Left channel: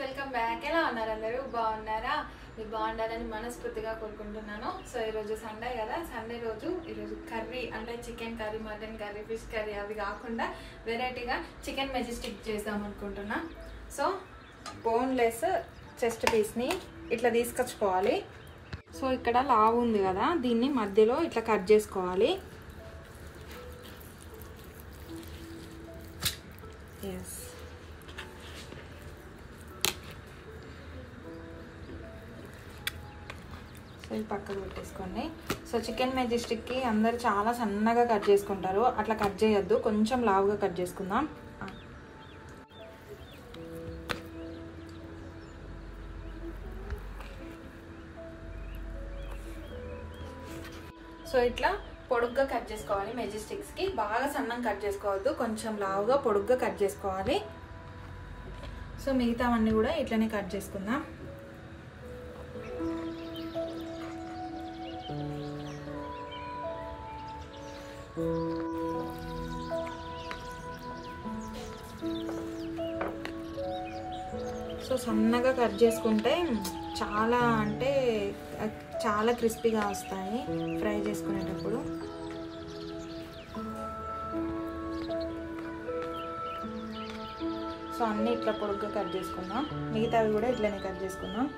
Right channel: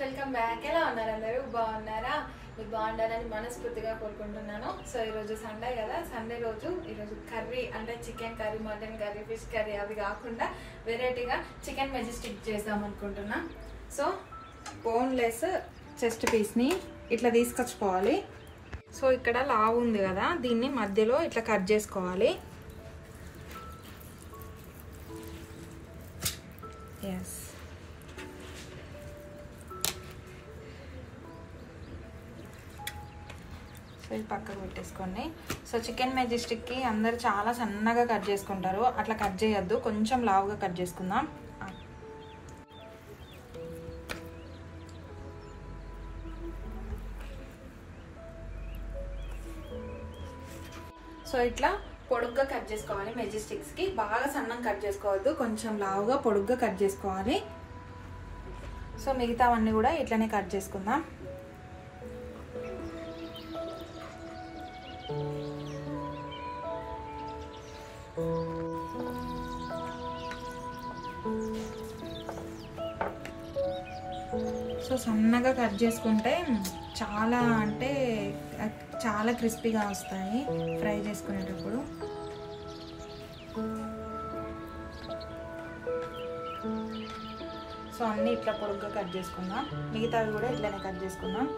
Welcome back. ఎలా ఉన్నారు అందరూ? బాగున్నారా? మీరు బాగుండాలని మనస్ఫూర్తిగా కోరుకుంటున్నాను. సో ఈరోజు సండే కదా, సండే రోజు ఈరోజు కర్రీ అంటే chicken curry, mutton curry, fish curry అవి కాకుండా వెరైటీగా చికెన్ మెజెస్టిక్ చేద్దాం అనుకుంటున్నా. సో బోన్లెస్ చెస్ట్ పీస్ని ఇట్లా తీసుకొచ్చుకోవాలి. సో ఇక్కడ లావు ఉంది కదా, దీన్ని మధ్యలో ఇట్లా కట్ చేసుకోవాలి. ఎస్, సో ఇది పక్కకు పెట్టేసుకోండి. సో చికెన్ మెజెస్టిక్కి అందరు చాలా సన్నగా కట్ చేసుకుంటారు, అట్లా కట్ చేయొద్దు, కొంచెం లావుగా కట్ చేసుకుందాం. సో ఇట్లా పొడుగ్గా కట్ చేసుకోవాలి. మెజెస్టిక్స్కి బాగా సన్నం కట్ చేసుకోవద్దు, కొంచెం లావుగా పొడుగ్గా కట్ చేసుకోవాలి. సో మిగతావన్నీ కూడా ఇట్లనే కట్ చేసుకుందాం. సో సన్నగా కట్ చేసుకుంటే చాలా అంటే చాలా క్రిస్పీగా వస్తాయి ఫ్రై చేసుకునేటప్పుడు. సో అన్నీ ఇట్లా పొడుగ్గా కట్ చేసుకుందాం, మిగతావి కూడా ఇట్లనే కట్ చేసుకుందాం.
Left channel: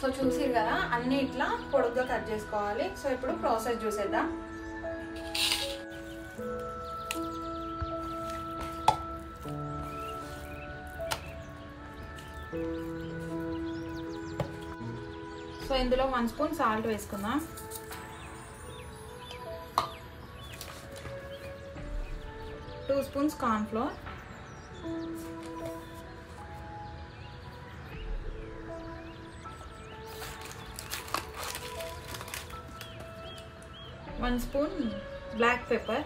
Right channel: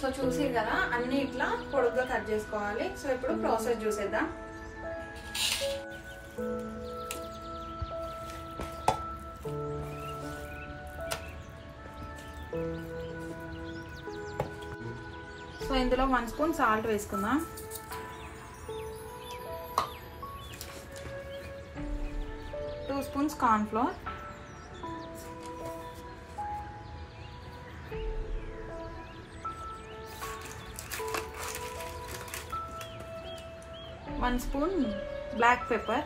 సో చూసారు కదా, అన్ని ఇట్లా పొడుగ్గా కట్ చేసుకోవాలి. సో ఇప్పుడు ప్రాసెస్ చూసేద్దాం. సో ఇందులో 1 స్పూన్ సాల్ట్ వేసుకుందాం. Two spoons corn flour, 1 spoon black pepper,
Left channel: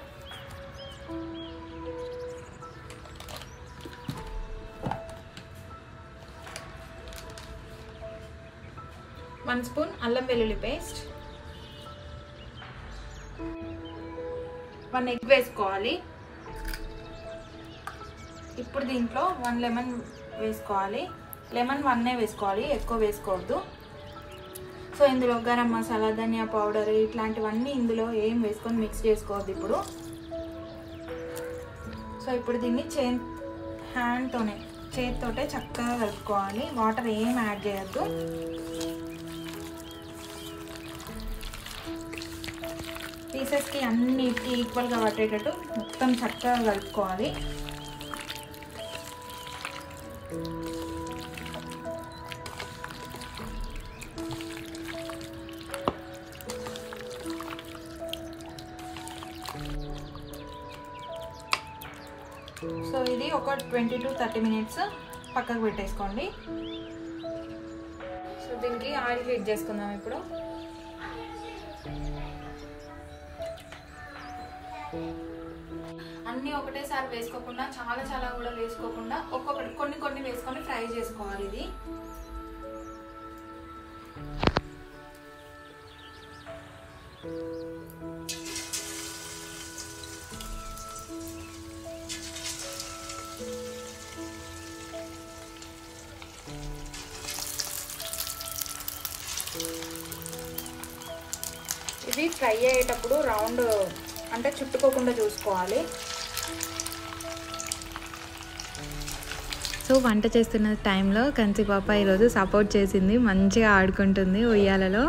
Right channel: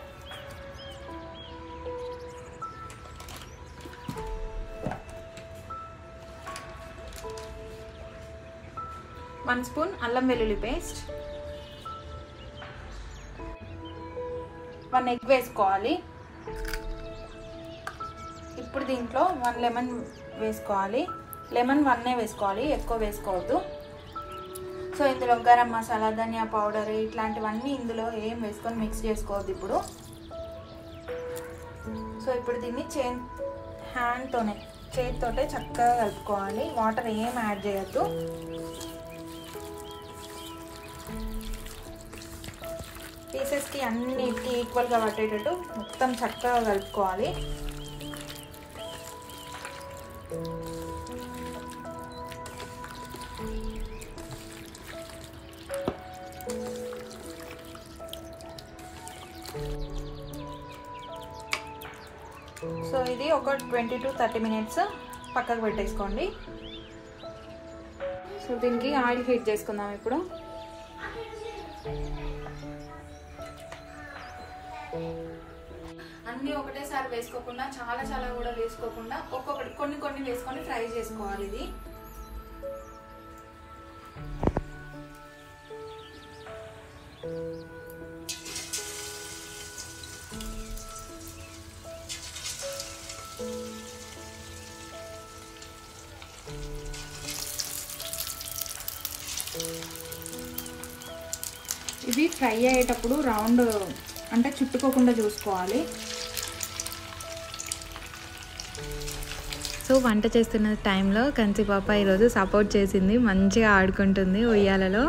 1 spoon అల్లం వెల్లుల్లి పేస్ట్, 1 ఎగ్ వేసుకోవాలి. ఇప్పుడు దీంట్లో 1 లెమన్ వేసుకోవాలి. లెమన్ 1 వేసుకోవాలి, ఎక్కువ వేసుకోవద్దు. సో ఇందులో గరం మసాలా, ధనియా పౌడర్ ఇట్లాంటివన్నీ ఇందులో ఏం వేసుకొని మిక్స్ చేసుకోవద్దు ఇప్పుడు. సో ఇప్పుడు దీన్ని చేతితోటే చక్కగా కలుపుకోవాలి, వాటర్ ఏం యాడ్ చేయొద్దు. పీసెస్కి అన్నిటికీ ఈక్వల్గా పట్టేటట్టు మొత్తం చక్కగా కలుపుకోవాలి. సో ఇది ఒక 20 to 30 minutes పక్కకు పెట్టేసుకోండి. సో దీనికి ఆయిల్ హీట్ చేసుకుందాం ఇప్పుడు. అన్నీ ఒకటేసారి వేసుకోకుండా చాలా కూడా వేసుకోకుండా ఒక్కొక్కటి కొన్ని వేసుకొని ఫ్రై చేసుకోవాలి. ఇది ఇది ఫ్రై అయ్యేటప్పుడు రౌండ్ అంటే చుట్టుకోకుండా చూసుకోవాలి. సో వంట చేస్తున్న టైంలో కంచి పాప ఈరోజు సపోర్ట్ చేసింది, మంచిగా ఆడుకుంటుంది ఉయ్యాలలో.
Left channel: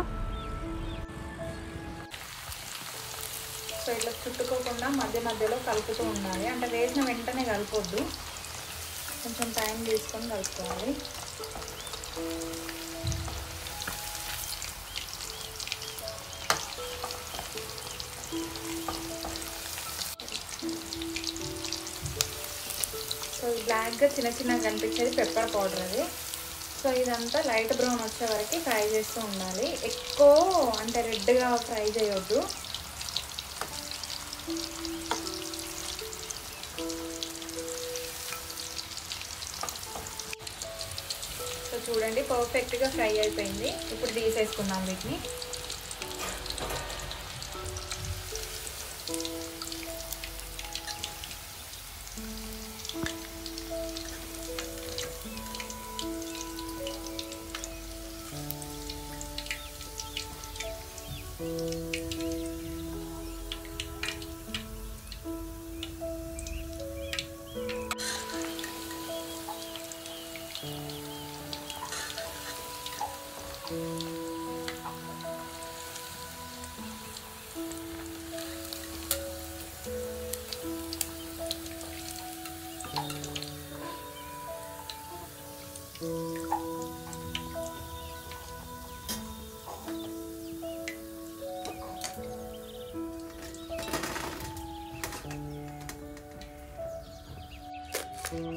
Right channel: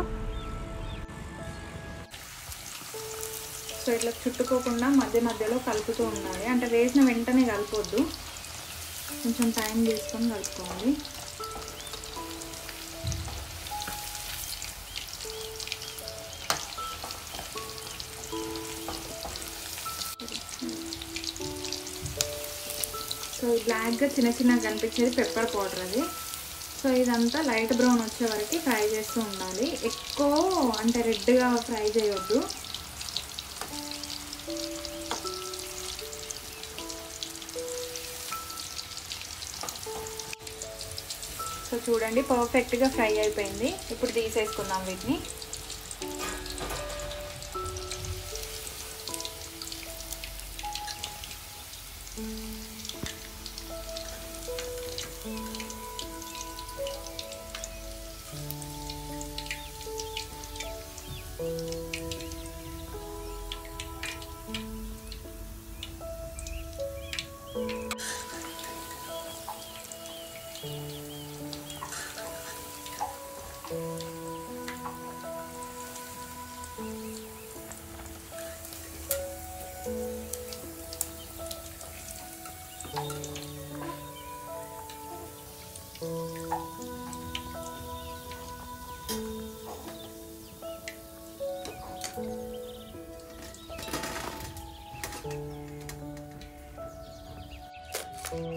సో ఇట్లా చుట్టుకోకుండా మధ్యలో కలుపుతూ ఉండాలి, అంటే వేసిన వెంటనే కలపొద్దు, కొంచెం టైం తీసుకొని కలుపుకోవాలి. సో బ్లాక్గా చిన్నగా కనిపించేది పెప్పర్ పౌడర్. అది సో ఇదంతా లైట్ బ్రౌన్ వచ్చే వరకు ఫ్రై చేస్తూ ఉండాలి. ఎక్కువ అంటే రెడ్గా ఫ్రై చేయొద్దు. సో చూడండి పర్ఫెక్ట్గా ఫ్రై అయిపోయింది. ఇప్పుడు తీసేసుకుందాం వీటిని.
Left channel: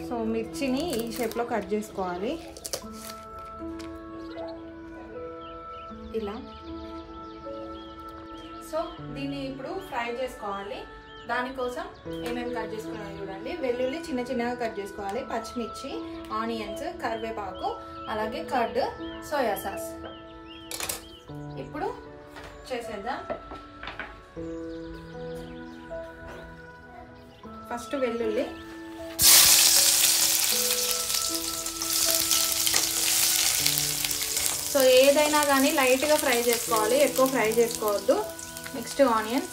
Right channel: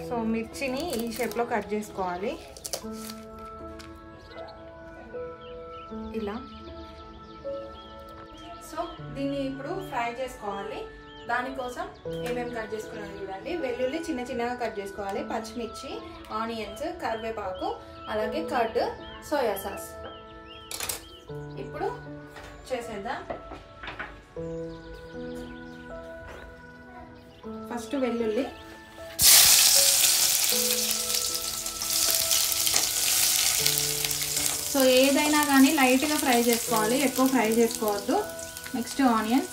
సో మిర్చిని ఈ షేప్లో కట్ చేసుకోవాలి ఇలా. సో దీన్ని ఇప్పుడు ఫ్రై చేసుకోవాలి. దానికోసం ఏమేమి కట్ చేసుకున్నాను చూడండి. వెల్లుల్లి చిన్న చిన్నగా కట్ చేసుకోవాలి, పచ్చిమిర్చి, ఆనియన్స్, కరివేపాకు, అలాగే కర్డ్, సోయా సాస్. ఇప్పుడు చేసేద్దాం. ఫస్ట్ వెల్లుల్లి, సో ఏదైనా కానీ లైట్గా ఫ్రై చేసుకోవాలి, ఎక్కువ ఫ్రై చేసుకోవద్దు. నెక్స్ట్ ఆనియన్,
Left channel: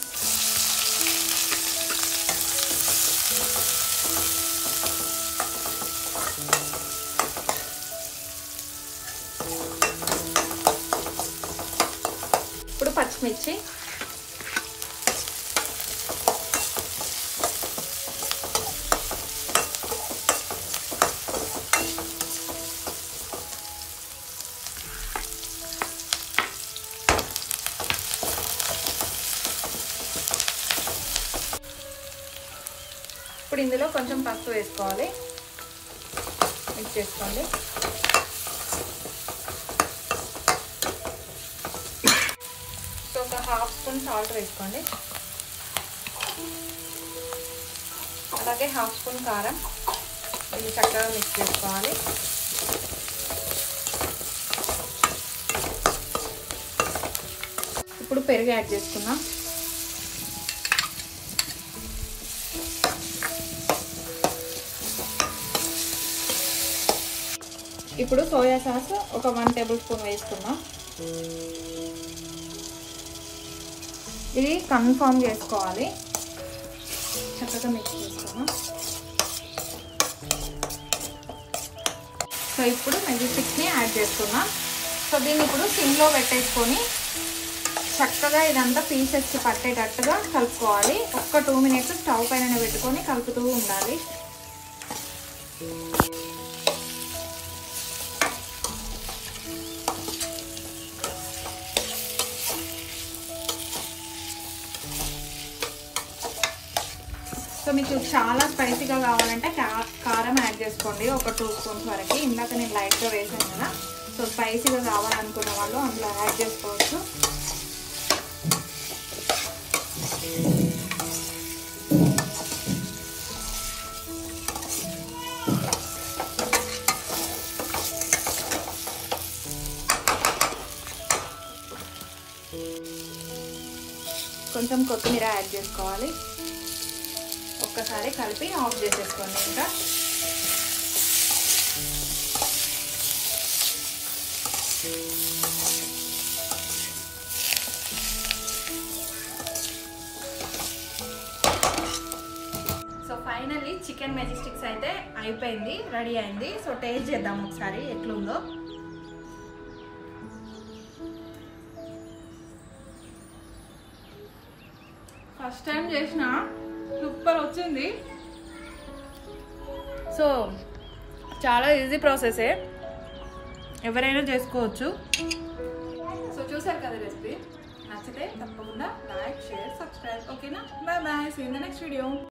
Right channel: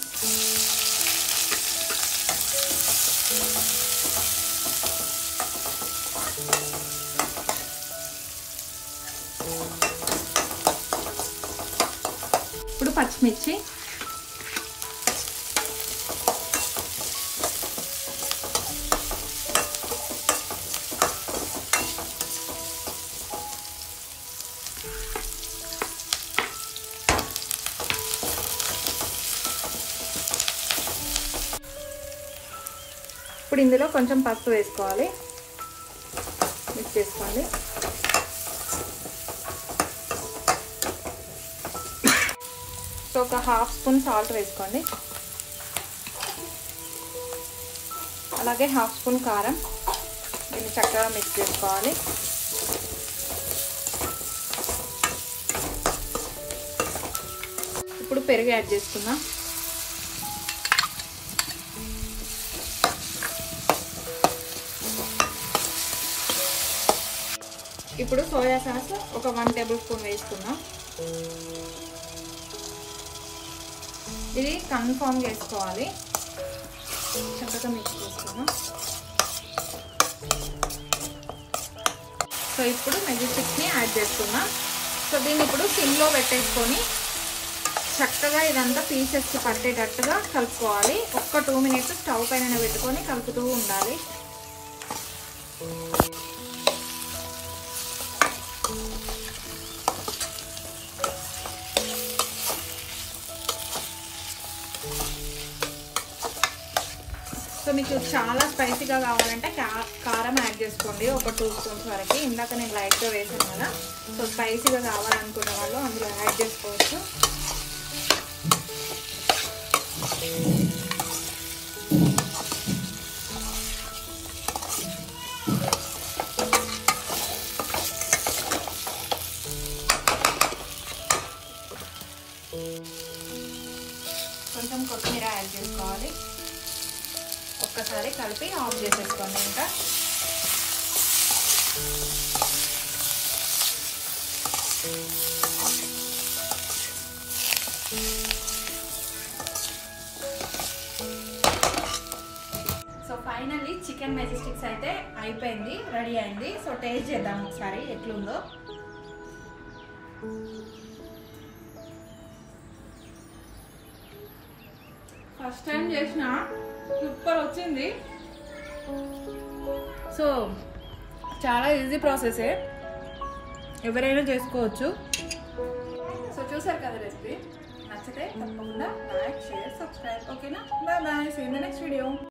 ఇప్పుడు పచ్చిమిర్చి, ఇప్పుడు ఇందులో కొంచెం పసుపు వేసుకోవాలి, మిక్స్ చేసుకోవాలి. సో ఒక హాఫ్ స్పూన్ సాల్ట్ వేసుకోండి, అలాగే హాఫ్ స్పూన్ కారం. ఇది చక్కగా మిక్స్ చేసుకోవాలి. ఇప్పుడు పెరుగు యాడ్ చేసుకుందాం. ఇప్పుడు సోయా సాస్ ఒక 1 టేబుల్ స్పూన్ వేసుకుందాం. ఇది కన్ఫర్మ్ చేసుకోవాలి. చక్కగా మిక్స్ చేసుకుందాం. సో ఇప్పుడు మెజిస్టిక్ని యాడ్ చేసుకుందాం. సో దీన్ని ఇప్పుడు సిమ్లో పెట్టేసుకొని చక్కగా ఇదంతా పీసెస్కి పట్టేటట్టుగా కలుపుకోవాలి. ఒక్క 2 మినిట్స్ స్టవ్ పైన పెట్టుకొని కలుపుతూ ఉండాలి. సో మీకు చాలా స్పైసీగా కావాలంటే కారం యాడ్ చేసుకోండి, ఒక 2 స్పూన్స్ వరకు. ఇందాక నేను లైట్గా వేసాను కదా. సో స్పైసీగా కావాలనుకున్న వాళ్ళు అందులో యాడ్ చేసుకోవచ్చు. కొంచెం కొత్తిమీర యాడ్ చేసుకోవాలి. ఒక్కసారి కలిపి ఆఫ్ చేసేసుకోండి. ఇంకా సో ఫైనల్లీ చికెన్ మెజిస్టిక్స్ అయితే అయిపోయింది, రెడీ అయింది. సో టేస్ట్ చేద్దాం ఒకసారి ఎట్లుందో. ఫస్ట్ టైం చేసిన సూపర్ వచ్చింది. సో చాలా ఈజీ ప్రాసెసే, ఎవరైనా చేసుకోవచ్చు. సో చూసారు కదా రెసిపీ. నచ్చితే తప్పకుండా లైక్, షేర్, సబ్స్క్రైబ్. ఓకేనా? Bye bye. See you in the next video.